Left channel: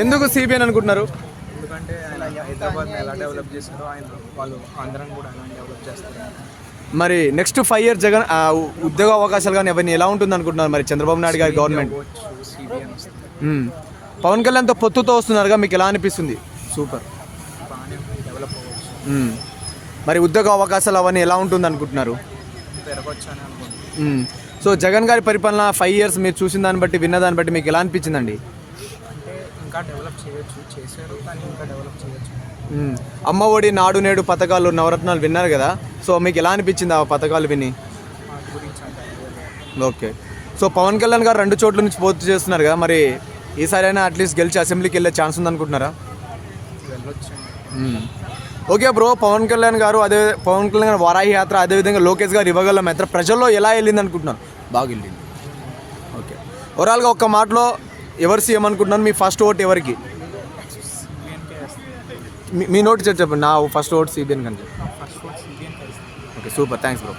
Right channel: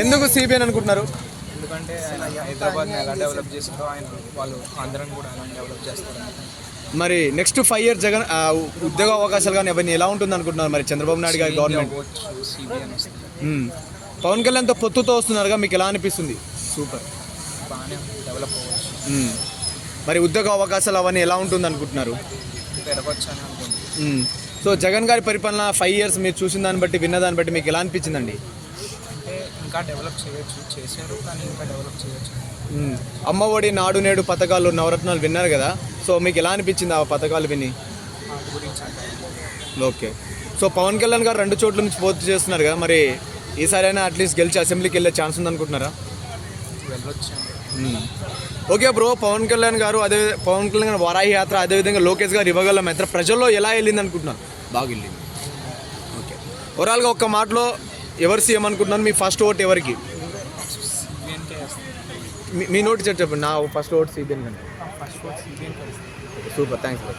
ఎందుకు సిబిఎన్ అనుకుంటున్నారు? ఎందుకంటే ఆయన హైదరాబాద్ని ఎలా డెవలప్ చేస్తారో వాళ్ళు ఆంధ్రాని కూడా ఎలా డెవలప్ చేస్తారు. మరి నెక్స్ట్ 5 years జగన్ ఉద్యోగ అవకాశాలు కానీ అవన్నీ ఎలా ఉంటుంది అనుకుంటున్నారు మరి చంద్రబాబు నాయుడు గారి గవర్నమెంట్? సిబిఎన్ వస్తుంది. పవన్ కళ్యాణ్తో పొత్తుతో వస్తున్నారుగా, మీకు ఎలా అనిపిస్తుంది? సూపర్, బాగానే డెవలప్ అవ్వచ్చు. మరి ఉద్యోగ అవకాశాలు అవన్నీ ఎలా ఉంటుంది అనుకుంటున్నారు? పెరగవచ్చు అని అనుకుంటున్నాను. సో జగన్ గారి పరిపాలన 5 years మీరు చూసిన దాన్ని బట్టి, విన్న దాన్ని బట్టి మీకు ఎలా అనిపించిందండి? అంటే ఇంకా డెవలప్ చేయొచ్చు, చేశారు కానీ ఇంకా డెవలప్ చేయొచ్చు. అమ్మ ఒడి, నాడు నేడు పథకాలు, నవరత్నాలు విన్నారు కదా, సో మీకు ఎలా అనిపించింది ఆ పథకాలు విని? వాటి గురించి అంత ఐడియా లేదు. ఓకే. సో పవన్ కళ్యాణ్ గారు 2 చోట్ల నుంచి పోటీ చేస్తున్నారు కదా, మరి ఈసారైనా అట్లీస్ట్ గెలిచి అసెంబ్లీకి వెళ్ళే ఛాన్స్ ఉందనుకుంటున్నారా? వెళ్ళొచ్చాను. ఓకే బ్రో, పవన్ కళ్యాణ్ గారు వారాహి యాత్ర, అదేవిధంగా లోకేష్ గారు ఇవ్వగల యాత్ర ప్రజల్లో ఎలా వెళ్ళింది అనుకుంటున్నారు? బాగా వెళ్ళింది. ఓకే, ఓవరాల్గా ఒక్క మాటలో ఎవరు సీఎం అనుకుంటున్నారు? మీ ఫస్ట్ ఓట్ ఎవరికి? మీ నోట్ చెప్పండి. నా ఫస్ట్ ఓట్ సిబిఎన్ కంటే. ఫస్ట్ ఓట్ సిబిఎన్కే. Okay, super, thanks bro.